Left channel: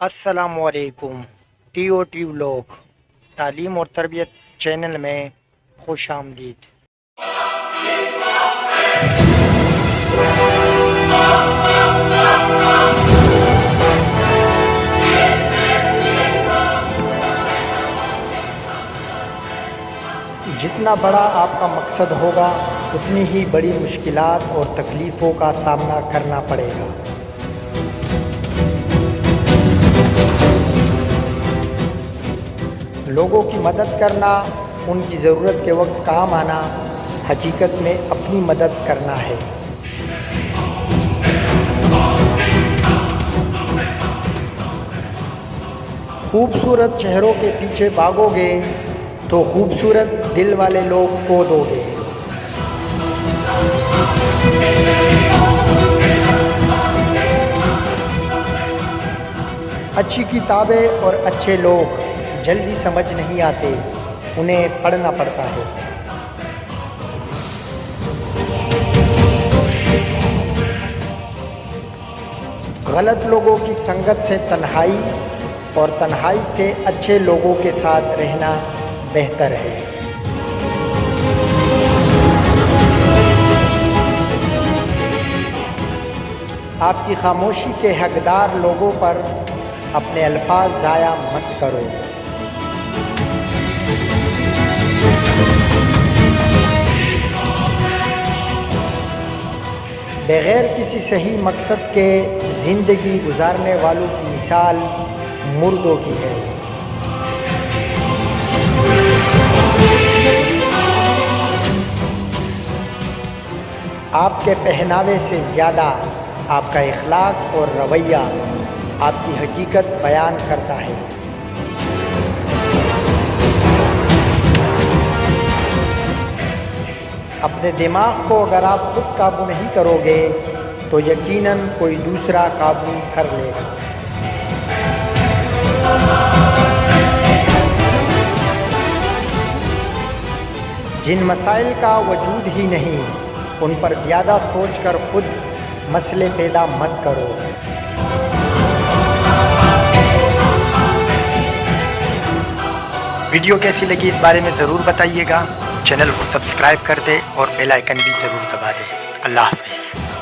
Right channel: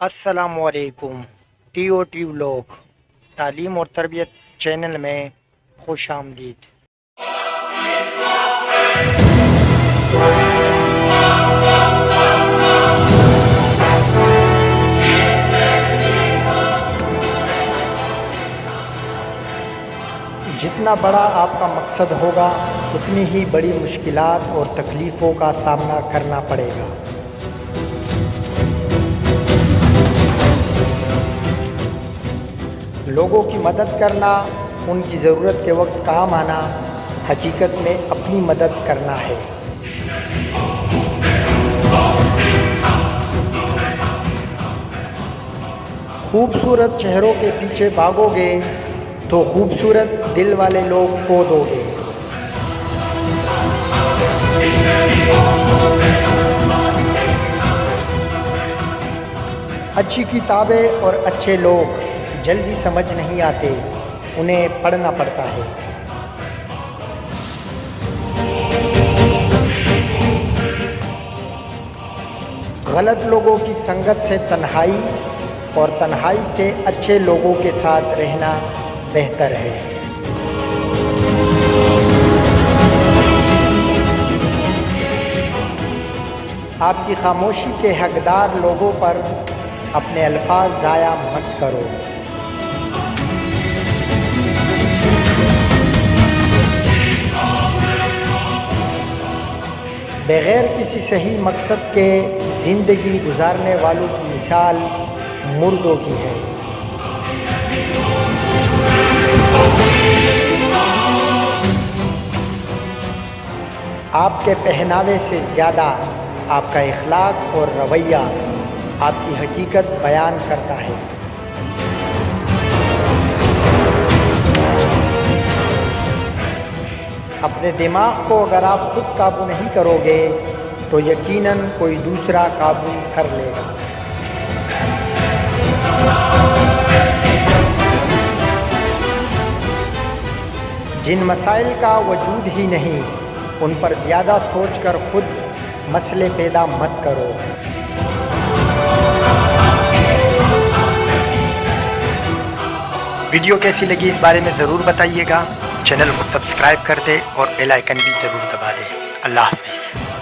السلام علیکم۔ T O T vlog تعلیم اور تربیت چینل میں خوش آمدید۔ جتنا بڑا آپ کا مقصد ہوگا اتنی ہی بڑی مشکلات اور تکلیفوں کا سامنا کرنا پڑے گا۔ لوگوں کی مدد کرنا، ان کی ضرورت کے وقت کام آنا، حقیقت میں اپنی مدد کرنا ہے۔ خوبصورت چہروں کے پیچھے بھاگو گے تو خوبصورت دل والے لوگ کھو دو گے۔ اچھی کتابیں اور اچھے لوگ جلدی سمجھ نہیں آتے، انہیں پڑھنا پڑتا ہے۔ غلط لوگوں کی سنگت سے تنہائی اور تنہائی سے اچھے لوگوں کے ساتھ رہنا بہتر ہے۔ آپ کی خاموشی کے حقدار لوگوں پر اپنے الفاظ ضائع مت کرو۔ بغیر کسی صحیح مقصد کے زندگی گزارنے والوں کی مثال مردوں کی ہے۔ آپ کے پہناوے سے زیادہ آپ کا اخلاق اور رویہ آپ کی حقیقت بیان کرتا ہے۔ اپنے دماغ کو اگر آپ خود قابو نہیں کرو گے تو یقیناً کوئی دوسرا قابو کر لے گا۔ جن مسائل کا وجود ہی نہیں، ان پر زیادہ سوچ کر خود مسئلے پیدا مت کرو۔ ویڈیو کیسی لگی اس بارے میں ضرور بتائیے گا۔ چینل کو سبسکرائب کر دیں اور بیل آئیکن بھی ضرور دبا دیں۔ اللہ حافظ۔